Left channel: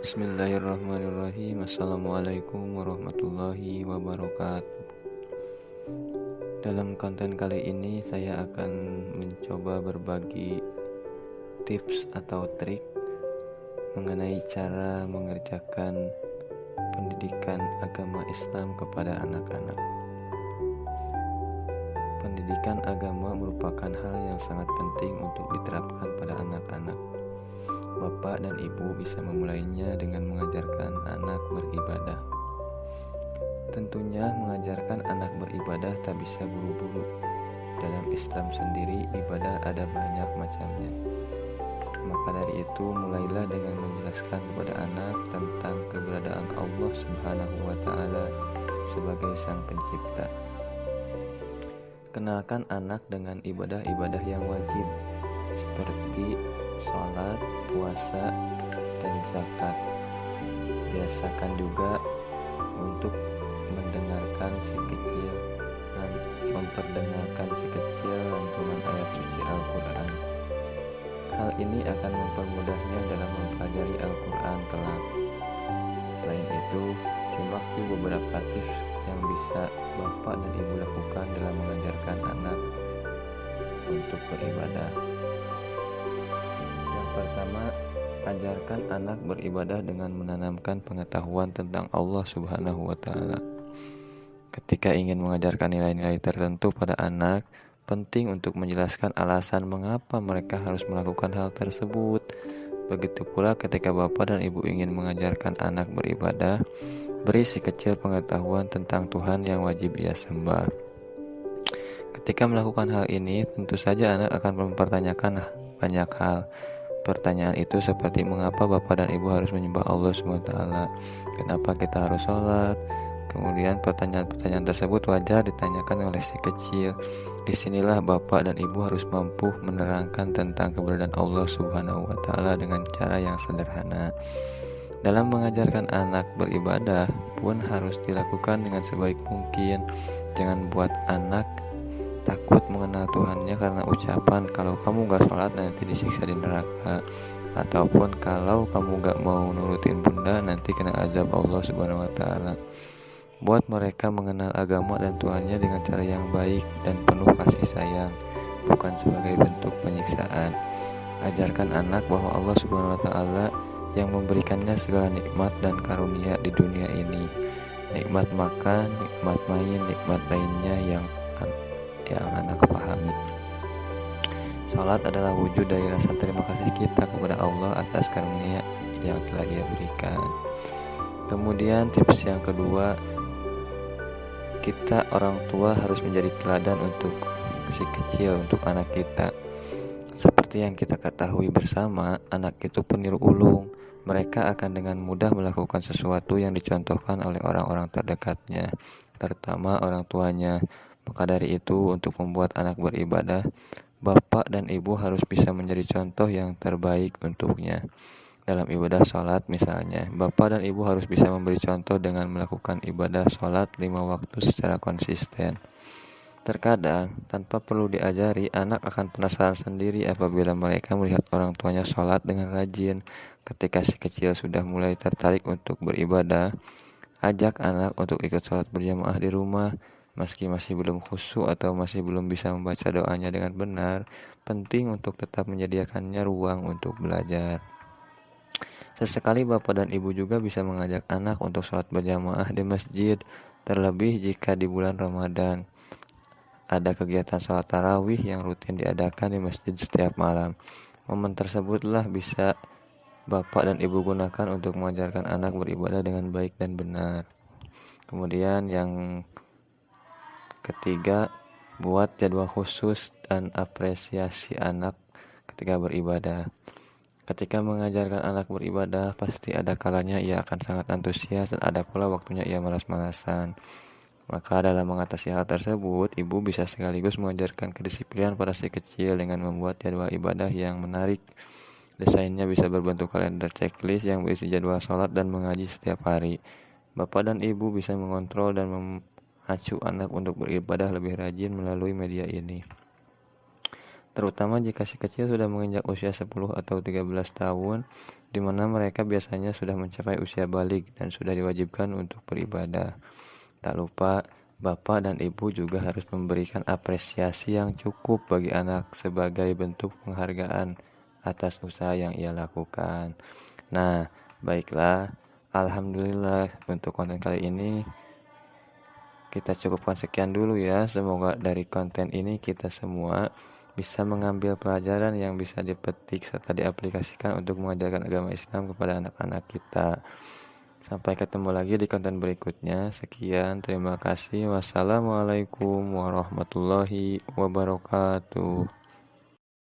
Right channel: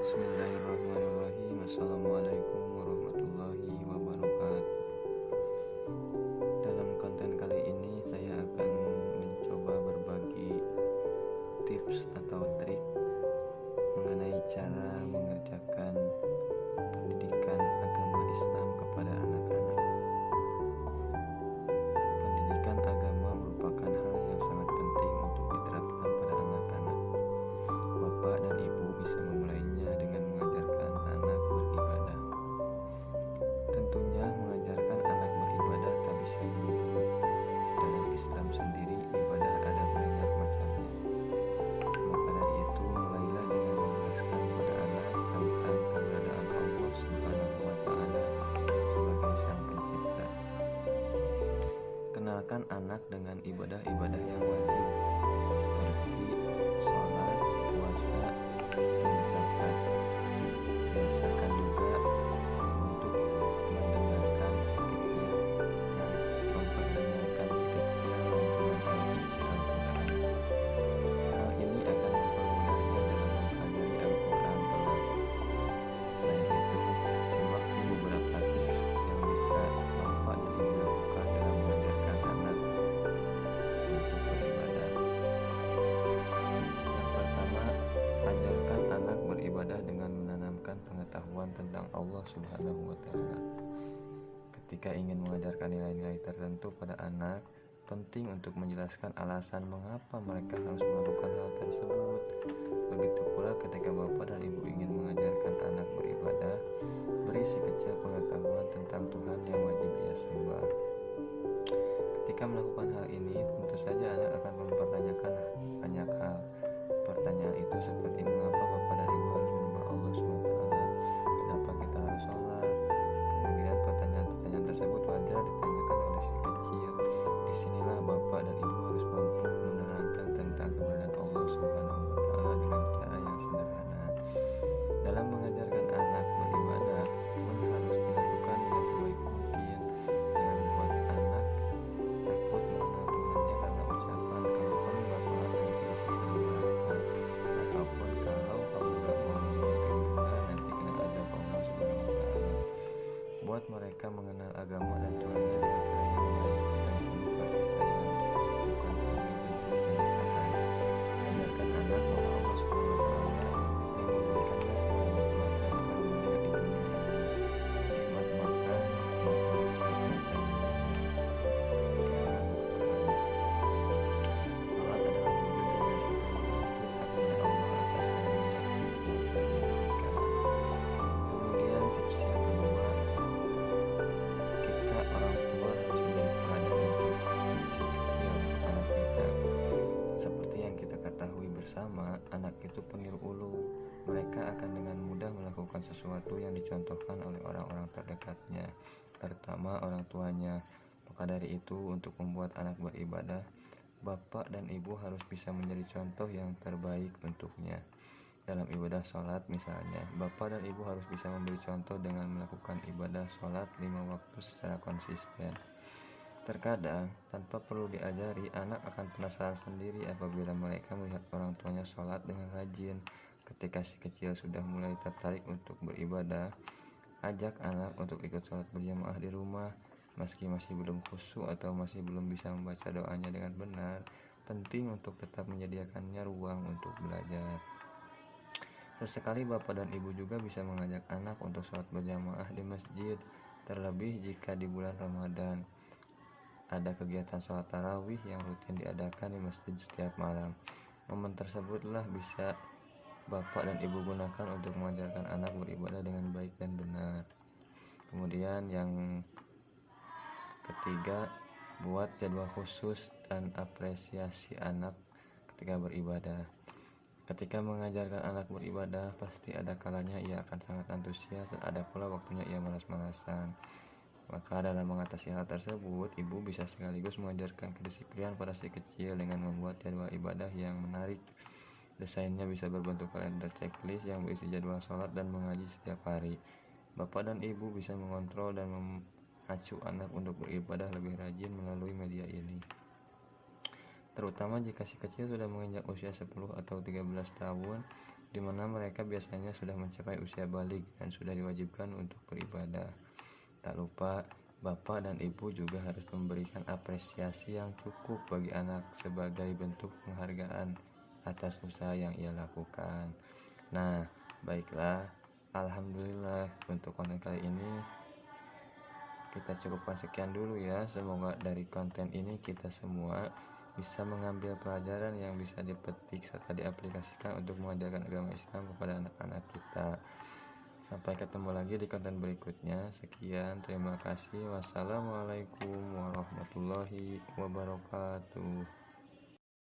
Bismillahirrahmanirrahim. Assalamualaikum warahmatullahi wabarakatuh. Dalam konten kali ini saya akan mencoba berbagi tips atau trik mengenai cara mengerjakan pendidikan agama Islam kepada anak-anak. Pendidikan agama merupakan hal yang sangat penting untuk diterapkan pada anak-anak. Bapak dan ibu bisa memulainya dengan mengajarkan anak beribadah. Tentunya mengajarkan anak beribadah tak bisa buru-buru. Dalam Islam sendiri ibadah ada banyak macamnya. Maka dari itu mulailah dengan menjelaskan kepada anak tentang keberadaan Allah Subhanahu wa Ta'ala sebagai Sang Pencipta. Kenalkan anak dengan ibadah-ibadah yang wajib seperti sholat, puasa, dan zakat. Biasakan juga untuk mendengarkan si kecil dan memperdengarkan si kecil lantunan ayat suci Al-Quran. Hal ini akan mempermudahnya dalam mempelajari Al-Quran kelak. Selain itu, simak beberapa tips yang bisa bapak dan ibu lakukan dalam mengajarkan anak untuk beribadah. Yang pertama, ajarkan anak beribadah dengan menanamkan pengetahuan tentang Allah Subhanahu wa Ta'ala. Ketika ingin mengajarkan nilai-nilai tertentu pada anak, penting untuk menjelaskan alasan mengapa mereka harus melakukan hal tersebut. Begitu pula ketika bapak dan ibu ingin mengajarkan anak beribadah, beri si kecil pengetahuan tentang Tuhan yang wajib ia sembah. Ketika melakukan hal ini, tentu saja anak akan mempertanyakan banyak hal. Pertanyaan itu seperti mengapa bapak dan ibu harus menyembah Allah SWT, kenapa kita harus sholat. Kemudian pertanyaan-pertanyaan tersebut wajar ditanyakan oleh si kecil. Disinilah bapak dan ibu harus mampu menerangkan tentang keberadaan Allah Subhanahu wa Ta'ala dengan cara yang sederhana. Dalam mengajarkan anak beribadah pun harus dilakukan dengan sebaik mungkin. Jangan buat anak takut mengenal Tuhannya karena ucapan kalau kamu gak sholat nanti disiksa di neraka, ataupun kalau kamu gak mau nurutin bunda nanti kena azab Allah Subhanahu wa Ta'ala. Buat mereka mengenal agama dan Tuhannya dengan cara yang baik dan penuh kasih sayang, bukan sebagai bentuk penyiksaan. Ajarkan anak bahwa Allah Subhanahu wa Ta'ala yang memberikannya segala nikmat dan karunia di dunia ini. Nikmat makan, nikmat main, nikmat lainnya yang anak pahami. Salat adalah wujud dari rasa terima kasih kita kepada Allah atas karunia yang telah Ia berikan. Kemudian tips yang kedua, kita orang tua harus menjadi teladan untuk si kecil, untuk anak kita. Seperti yang kita ketahui bersama, anak itu peniru ulung. Mereka akan dengan mudah melakukan sesuatu yang dicontohkan oleh orang-orang terdekatnya, terutama orang tuanya. Maka dari itu, untuk membuat anak beribadah, bapak dan ibu harus bisa menjadi contoh yang terbaik untuknya. Dalam ibadah sholat misalnya, bapak dan ibu harus bisa memberi contoh dengan melakukan ibadah sholat 5 waktu secara konsisten. Terkadang, tanpa perlu diajari, anak akan penasaran sendiri apabila mereka melihat orang tuanya sholat dengan rajin. Ketika si kecil sudah mulai tertarik untuk beribadah, ajak anak untuk ikut sholat berjamaah di rumah. Meski masih belum khusyuk atau masih belum bisa membaca doanya dengan benar, penting untuk tetap menyediakannya ruang untuk belajar. Sesekali bapak dan ibu juga bisa mengajak anak untuk sholat berjamaah di masjid, terlebih jika di bulan Ramadan ada kegiatan sholat tarawih yang rutin diadakan di masjid setiap malam. Momen tersebutlah bisa bapak dan ibu gunakan untuk mengajarkan anak beribadah dengan baik dan benar. Kemudian yang ketiga, buat jadwal khusus dan apresiasi anak ketika beribadah. Ketika mengajarkan anak beribadah, pasti ada kalanya ia akan sangat antusias dan ada pula waktunya ia malas-malasan. Maka dalam mengatasi hal tersebut, ibu bisa sekaligus mengajarkan kedisiplinan pada si kecil dengan membuat jadwal ibadah yang menarik. Desainnya bisa berbentuk kalender checklist yang berisi jadwal sholat dan mengaji setiap hari. Bapak dan ibu bisa mengontrol dan memacu anak untuk beribadah lebih rajin melalui media ini. Terutama jika si kecil sudah menginjak usia 10 atau 13 tahun, di mana mereka biasanya sudah mencapai usia balik dan sudah diwajibkan untuk beribadah. Tak lupa, bapak dan ibu juga harus memberikan apresiasi yang cukup bagi anak sebagai bentuk penghargaan atas usaha yang ia lakukan. Nah, baiklah, alhamdulillah untuk konten kali ini kita cukupkan sekian dulu ya. Semoga dari konten ini kita semua bisa mengambil pelajaran yang bisa dipetik serta diaplikasikan untuk mengajarkan agama Islam kepada anak-anak kita. Sampai ketemu lagi di konten berikutnya. Sekian, terima kasih. Wassalamualaikum warahmatullahi wabarakatuh.